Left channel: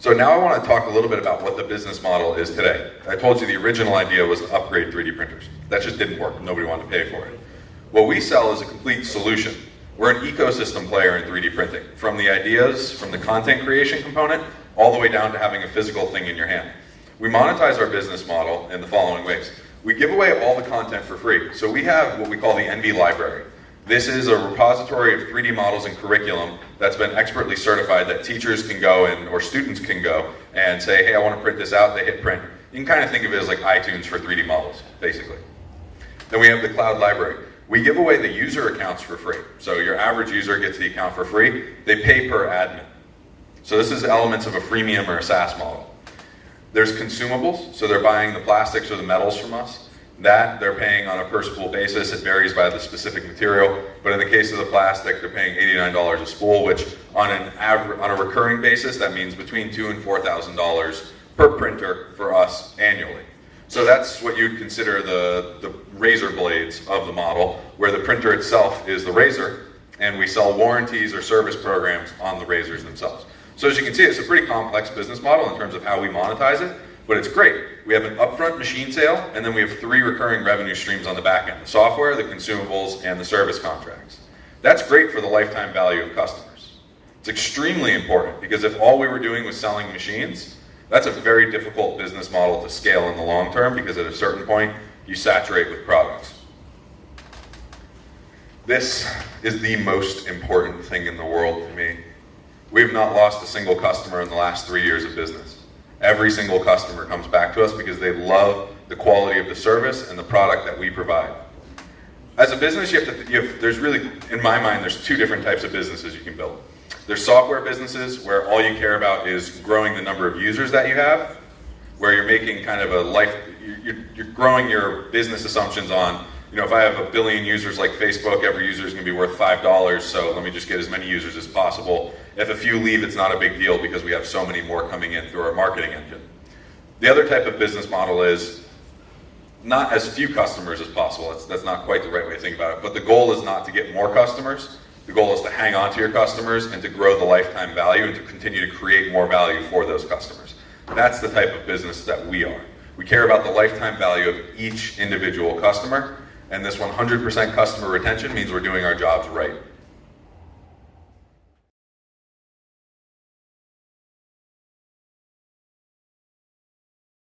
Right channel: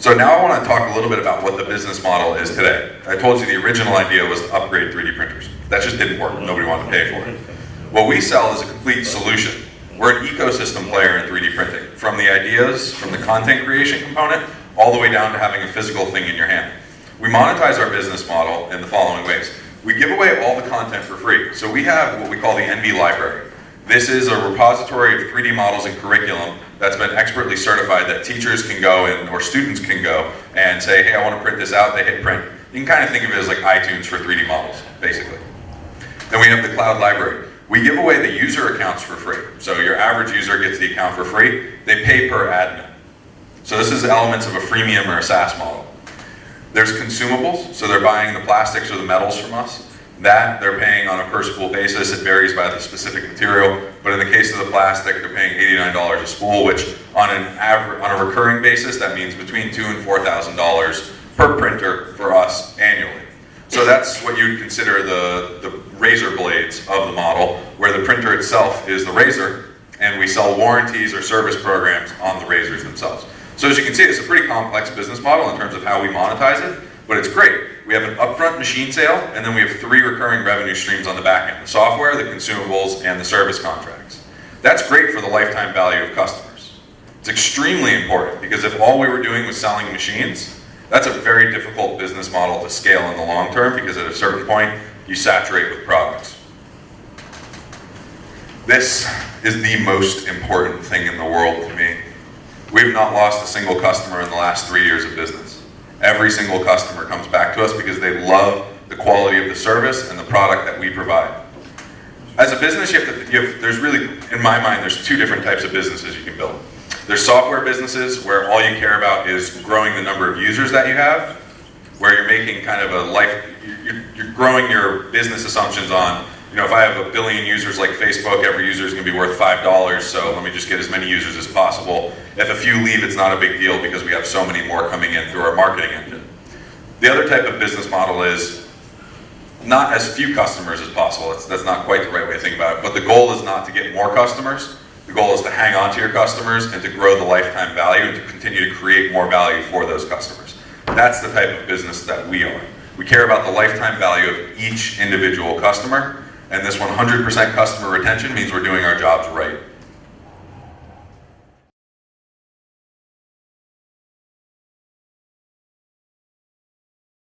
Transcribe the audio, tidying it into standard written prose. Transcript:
So now I want to talk a little bit about what the business model is today. I told you the original idea was to upgrade 3D printers. That just didn't work. Nobody wanted to pay for it. What we sell is a complete solution. We're an ecosystem player in 3D printing. From the ideas, from the content creation component, all the way down to having a physical thing in your hand. We monetize our business model in the following ways. We give away all the content for free. So we have what we call the NV library. This is a repository of 3D models and curriculum that's been expertly certified that teachers can go and, or students can go and say, hey, I want to print this out, they hit print. You can kind of think of it as like iTunes for 3D models, basically. Then we have the cloud library. We give away the user accounts for free. So your average user gets the account for free. They pay per admin. So this is elements of a freemium or a SaaS model. There's consumables, so they're buying the plastics or the metals from us. That they're paying on a per spool basis. It varies by the specific material, but in the case of the plastic, they're paying $89 a spool, which on a recurring basis, that means between $2,000 and $4,000 per printer for us annually. So that's what you'd consider the razor blades of the model, where the printer itself is the razor, and we sell warranties or service programs on the razors themselves. So as you can see, it's a pretty complex business model in terms of how we monetize it, but it's great. We have an upfront machine sale, and then we have 3 recurring revenue streams on the back end: the software, the consumables, and the service contracts. That's great for the lifetime value of customers. It's extremely important, because if all we were doing was selling machines, that's a very difficult business model to scale in the long term, because at a certain point, you saturate with products. This is the most important thing in the world to me. We've not lost a single customer in the last 3 years of business. Every single customer comes back to us because they love the quality of the service and the product that we provide. As a business, there's really, in my mind, there's 2 different types of businesses you can build. There's software businesses where all you care about is growing the number of users that you have, where you're making kind of you're growing your business assumptions on, if I have 1 billion users like Facebook, every user is going to be worth $5, so let me just get as many users as possible. If a few leave, it's not a big deal because we have so many more coming in through our marketing engine. The other type of business model is not as few customers as possible. That's not quite the right way to think about it, but the goal is not to get more customers. The goal is to hang on to your customers and to grow the lifetime value and to continue to create more value for those customers. That's the type of business that we are. We care about the lifetime value of each individual customer, and this 100% customer retention means we're doing our jobs right.